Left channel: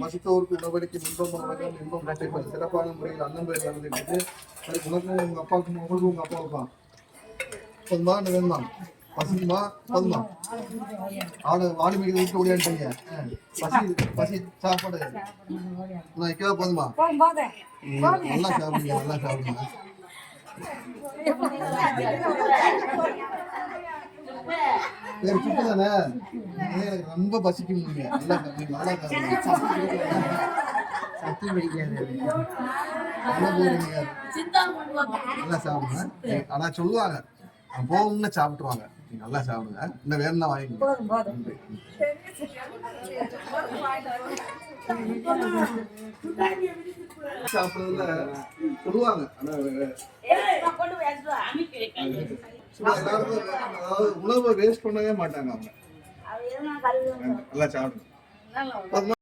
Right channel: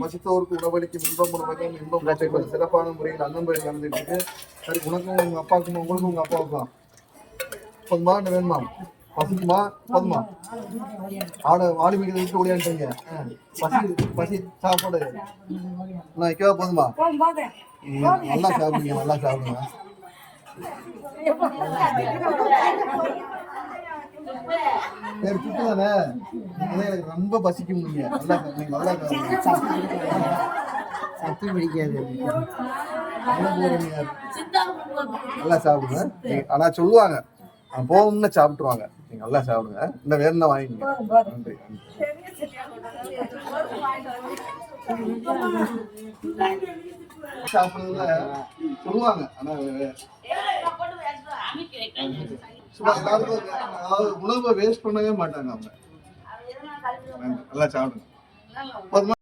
பசித்தோருக்கு உணவளிக்கும் இன்பம் உணவளிக்கும் இன்பம் பச்சைப்பது சிறப்பான முறையில் அன்னம் பயிர் நடந்துட்டு சரி உனக்கும் உங்க அப்பாவுக்கும் உங்களுக்கும் உங்க அப்பாவுக்கும் போதுமா வேணுமா? பசிக்குமா? போதுமா? ஆட வாடி மீது விட்டு ஓடியான்ட்டீங்க பசி பசி சாப்பாடு. நான் வைக்கவா போதுமா? நல்லா சாப்பிடுங்க நல்லா சாப்பிடுங்க. சரி சுட்டு தானே? எனக்கு ரொம்ப பசிக்கும் நீங்க நல்லா சாப்பிடுங்க நல்லா பிடிக்காது. நல்லா போறீங்க நல்லா சாப்பிடுங்க. ஆனா சொல்லுவாங்க போகணும்னு சாப்பிட்டுருவாங்க. நீங்க நல்லா சாப்பிடுங்க. இந்த வேற என்ன வாங்கிக்கோங்க நன்றி. சாப்பிடுறதுல சொல்லுவாங்க. ஆனா எல்லாருக்கும் அதாவது உணவை வேஸ்ட் பண்ணவே மாட்டாங்க அவங்க. நல்லா சாப்பிடுங்க?